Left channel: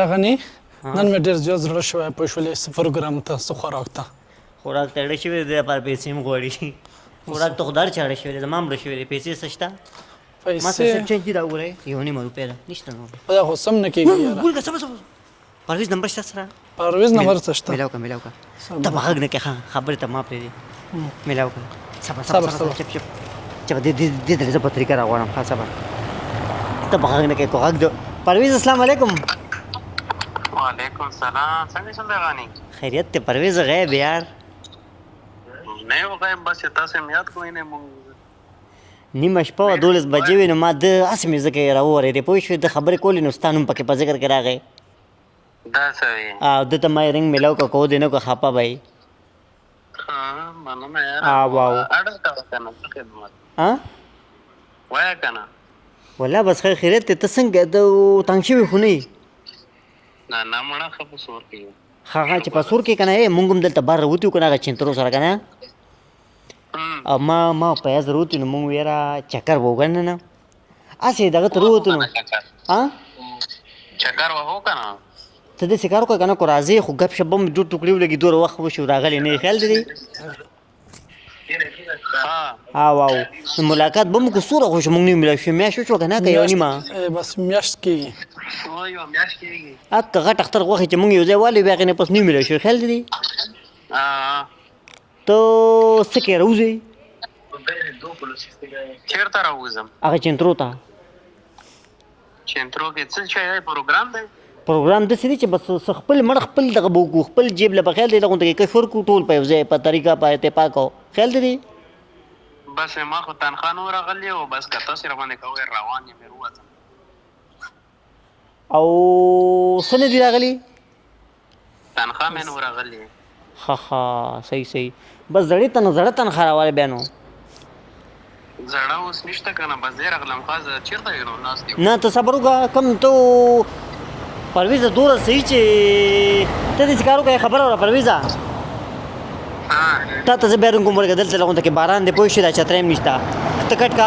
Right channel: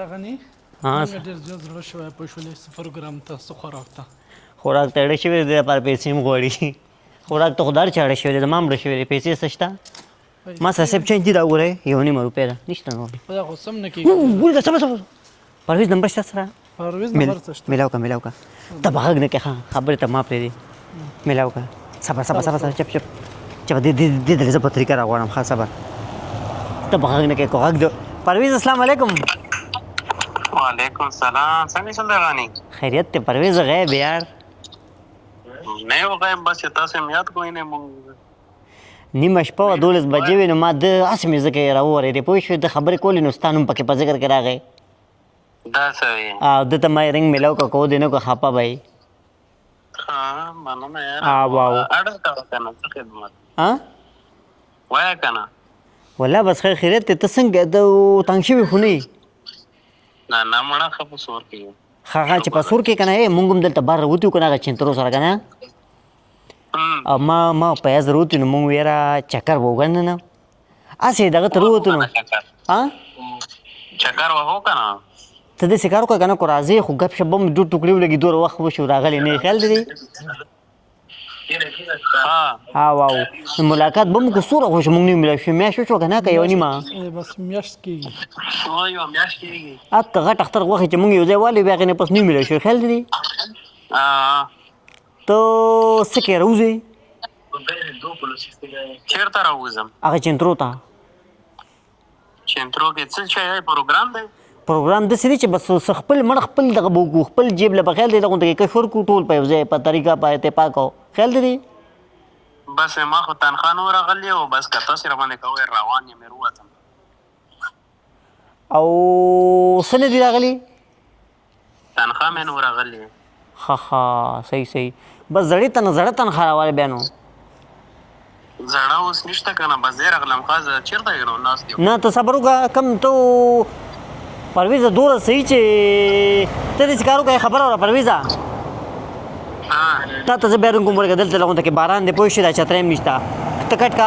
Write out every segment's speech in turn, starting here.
راغني نن مې ډېر زیات زړه شوی پوه شولې څه پروګرام ته څه خوراک ته خوراک ته اړه شوې دی لپاره پیسې هم غواړي خوراک ته خو دا چې اړه شوې دی زما هم اړه شوې دی پیسې څه شته ما صاحب چینج دي دا وګورئ 1.5 روپۍ ده نشته نور دا خو سم نه کېږي ګوره صبر صبر پرویز نمبر شته سره پرویز نمبر څه شته میلاو که ته به غږ نه کې ښه خبرې ته ما پرېږدي میلاو که صبر چپ دې درې زه په طریقه راغواړم ښه صبر ته به غږ نه کې کو غږ د پرویز السلام علیکم وعلیکم سلام څنګه زندګانی خیریت ته پرویز غیب یار نه یو غیب بس تاسو مې یاد کوی نه مونږ نیمه شپه وه 12 بجې وې نو ما د هسې مې ځکه راوورېدې پوه شوې د خبرې کولې نو ستا نوم پکې په ذکر کې راغی دا څه وي او ده ته ما یې رنګ میلاو که کو دې نه که خفه به یې ها مننه یار واو اډر کا کنه څه خدمت ها وای کنه والله بس خیریت ته ته څنګه د تنګ شوي خو نه یې نه نه مړه خپل سور کې ها چې په سور کې که نه مونږ هم دلته بار راوتي وو که نه هغه چینترو سره که نه او ما په یاد راوتي نو مونږ یاره چکر به وګڼه نه هسې دغه ته راوتو نو چکر وهو کنه ته داسې کار وکړه که نه کو راځې خو ګپ شپ به مو دوه ټوکړې ولګي دومره وخت مو شو راغلی نه یې خیال دی ها واو نو ملاقات به مو که څومره خو شو مونږ نه میلاو شو میاشت وشوه که نه که یوه نیمه بس میاشت کېږي یو میاشت کېږي که غټ اختر غوښې چې مونږ یو ځای والې بیا هغې نه پس نه میلاو شو خیال دی ته څه کوې راوځې چېرته راوځم هغه چینترو ته چینترو کې څه شی دی پروګرام دی پروګرام داسې دی چې بس خپل مړ خپل دغه به وکړو خپل جیب له به خیال دی دغونته کې کشور کړو ټول په یو ځای په طریقه په اتفاق او خیال دی بس ما خو تنخوا نو راغلی او بس که تاسې راباندې کوئ روان یم وروځم او څه نه دي راغلي تنخوا مې نو راغلی ښه صحیح بس زړې تنخوا راواله بیا نو زړه اوس نشته که نه بس دی راغلم خوا زه چېرته یم نو ناست یم نه ته صبر وکړه کم ته پرویزه دومره صحیح چې ته داسې کار وکړه خبره وکړه پرویزه تا ته زه بیا رنګ کوم ورکه دلته لغونته کې باران دی پوه شې دا چترۍ هم نشته ته کټ کا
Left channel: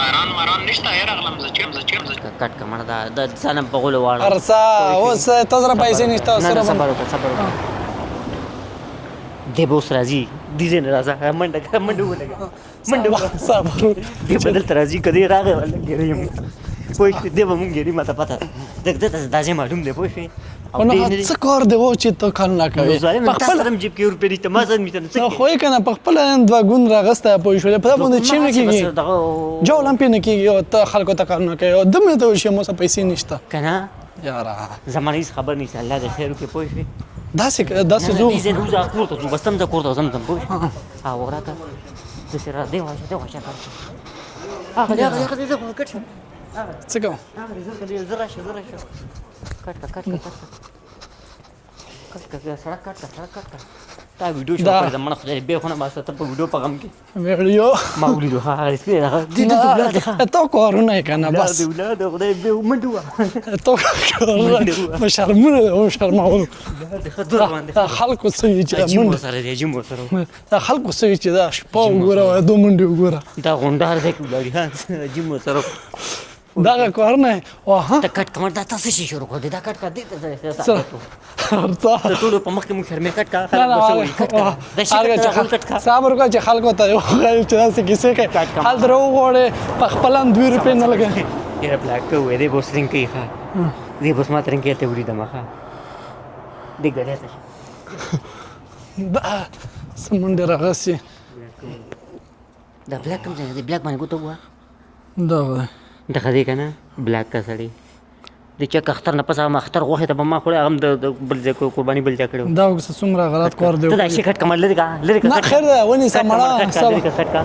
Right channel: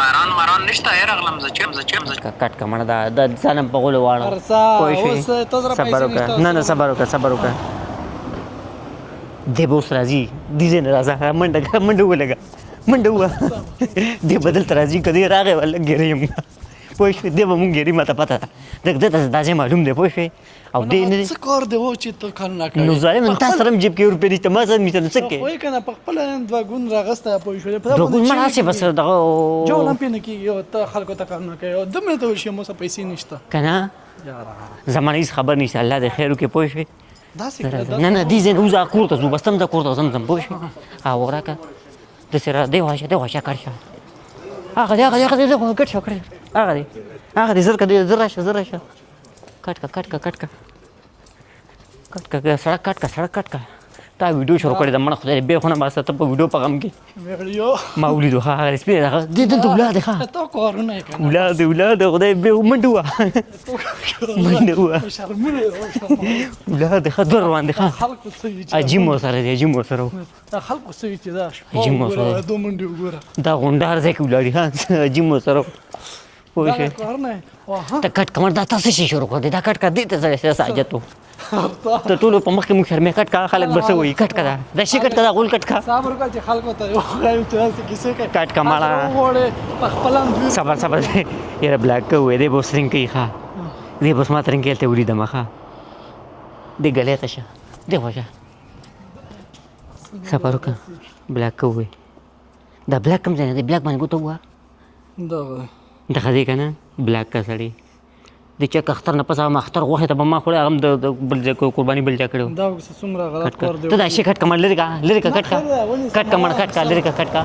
باران نشته راغلم زه چیم کټ کا مړه دا ځان هم په غولو واړه ارسا اوس ته سره پیسې نشته نه صبر وکړه دی به اوس راځي دې ځای نه راځه منډه ولګه دی به دلته راځي که دی راغی به لږ ګیره یم پوه شوې دی به مونږ ګیري ما ته پته ده ځکه ده ته دا ځای معلوم دی پوه شوې او دی نه څه کار دی و چې ته کار نه کوې نو ظالم تا سره هم جیب کې روپۍ نشته ما سره نشته نو څه خو یې که نه په خپله دوه ګون راغسته پوه شولې په دا باندې چې کېږي جوړ هم پرې نه کېږي او ته خلکو ته کار نه کوې او دومره ته وشي مو سره پیسې نشته که نه یاره زما نه هېڅ خبر نشته الله دې خیر وکړي پوه شوې داسې نه دې ځای نه وځه کور ته ځو بس ته هم ځه کور ته ځم پوه شوې او راکړه داسې را دی واشه کټ شه هغه دی کټ شه هغه دی څه کوم هغه دی زر راشه کټ کا سړک کټ کا تا ویډیو شو کړی د مړه خدای دې بیا خو نه باسه ته په ویډیو په غم کې ویډیو ما ولیدو ها سپېره دغه دې ولاد ښه ته کارونه یې که نه بس ولاد خدای بیا منډه وه ته کارونه په شرمونه او شرمول ولاد ښه دور روان دي خلکو څه وي چې عجیب ورسره دی دا خلکو څه وي چې دا شپه وګوره دو منډې وګوره دا غونډار ځای کې ولاړي ها عجیب ورسره دغه کارونه ته کټ کمر دا تاسو شي شروع کړ دا کټ کا دې ته ځای ساجت وو ته ټول په مخ کې مو شرمې کټ کا خلک بس وایي کټ کا دا شي کټ ته خپل کټ کا صبر وکړه چې خلکو ته یو غواړي چې داسې کیسې کوي کټ کا مالا درو غواړي په خپل هم 2 روپۍ نه لګي یاره بلاک کوې دې بوس رنګ کوي ښه دې بوس ما ترنګ ته ولیدم ښه دې ګلې ته شه دې وځه دا سمندر راغسي بلاک کوې دا بلاک کوم ځای دی بلاک باندې کوته وه دا دغه دی که نه بلاک کا سړی د چا که اختر نه پس هغه اختر غوښې ته به ما خوړی هم د بل ځای قرباني بل چا کړی دا څومره غلط کار دی ته دا شي کټ کمر لرې کا کټ کا خیر ده ونیسه کټ کمر کټ کا لرې کا کټ کا